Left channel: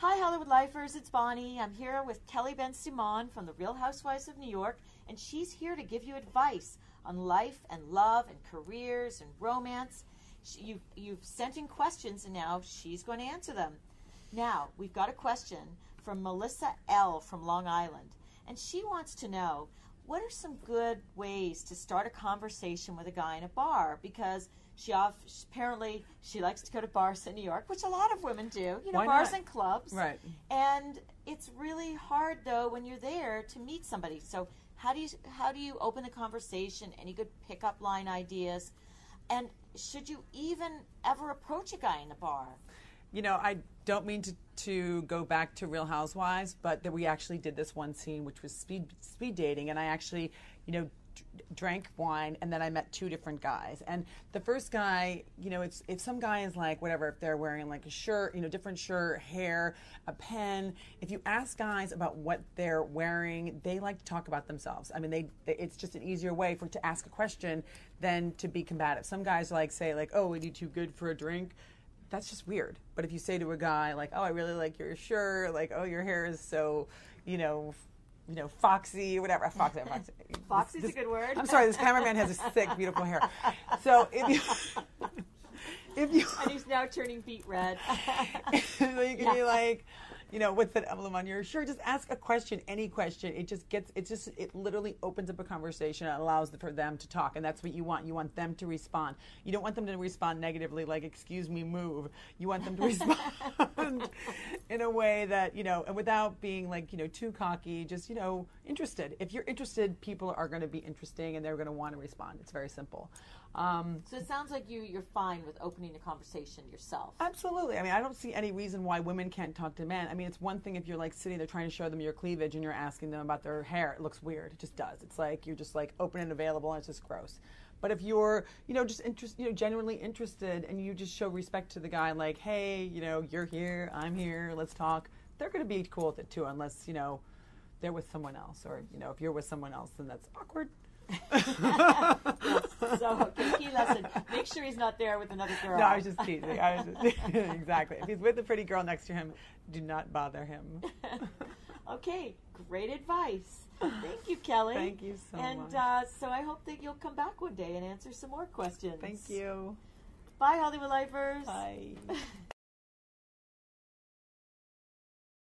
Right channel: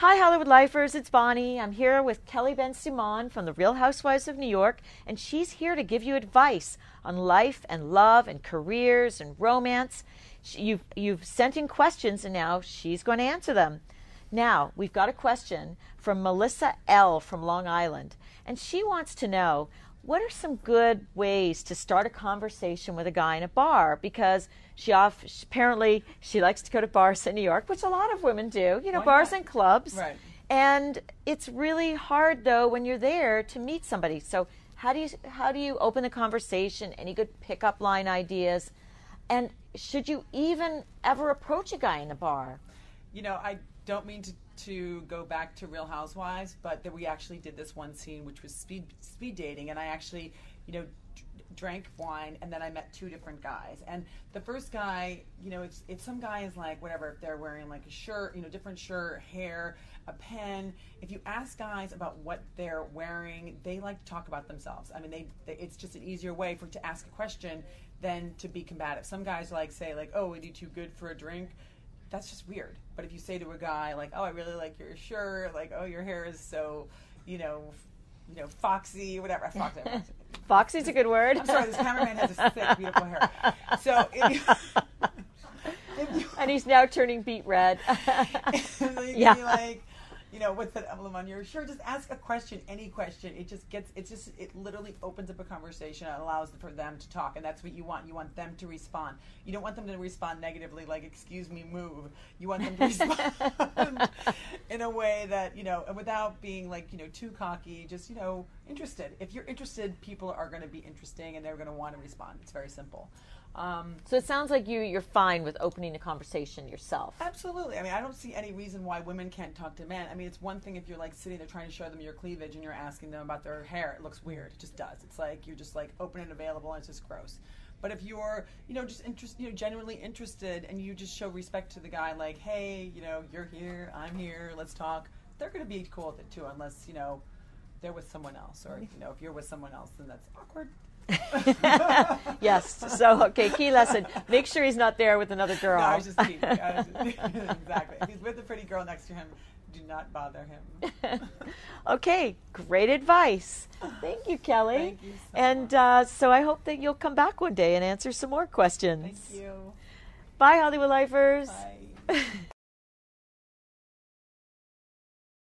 Hi, Hollywood Lifers. It's Bonnie. I'm here with Kelly bensimon from the Real Housewives of New York, and she's here to give you advice on life and love and careers and romance. You've sent in questions, and now she's going to answer them. Now, we've got a question from Melissa L. from Long Island, and she wants to know, what are some good ways to start a conversation with a guy in a bar? Because apparently she likes to go to bars in New York, which a lot of women do, Why bars not? and clubs. Right. And it's really hard, though, when you're there to meet somebody. So how do you open the conversation? Any good pickup line ideas? And should you even ever approach a guy in a bar? I don't mean to go back to Real Housewives, but we actually did this one scene, which was speed dating, and I actually, drank wine, and then I met two different guys. And the first guy, if some guy is like, whatever, if they're wearing like a shirt, different shirt, hair, a pen, if you ask guys about what they're wearing, they like to talk about themselves. I mean, it's just an easier way to ask a question than to be combative. Some guys say, oh, are you too good for a drink? That's just weird. But if you say to a guy like, oh, I really like your shirt, like, oh, your hair is so, foxy, whatever. Foxy's a good word. I'm sorry, this cameraman has this thick, beautiful hair. So if you and he's now turning beet red. you can be like, what's that emblem on your shirt? Just ask a question, any question. It literally opens up a conversation and allows for them to talk, and that's what you want. You want them to respond. You don't want them to respond negatively, like, excuse me, move. You want them to respond in a way that, and without being too cocky, just, interested. If you're interested, people are going to be interesting and they're going to want to respond. It's very simple. So it sounds like you're fine with opening a conversation yourself. Absolutely. I mean, I don't see any reason why women can't talk to men. I mean, it's one thing if you're sitting there trying to show them your cleavage and you're asking them about their hair. It looks weird. It just does. It's like you're just open and available, and it's just gross. But if you're, just genuinely interested, and you just show respect to the guy, like, hey, you're here, I'm here, let's talk. They're going to be cool with it too, unless they're with someone else, or if you're with someone else, then that's awkward. Yes. So, okay, key lesson. Make sure he's not there with another girl. No, I was just kidding. Exactly. If he's with a pretty girl next to him, do not bother him. Okay, great advice. Thank you, Kelly. Thank you so and much. So I hope that you'll come back one day and answer some more questions. Thank you. Bye, Hollywood Lifers. Bye.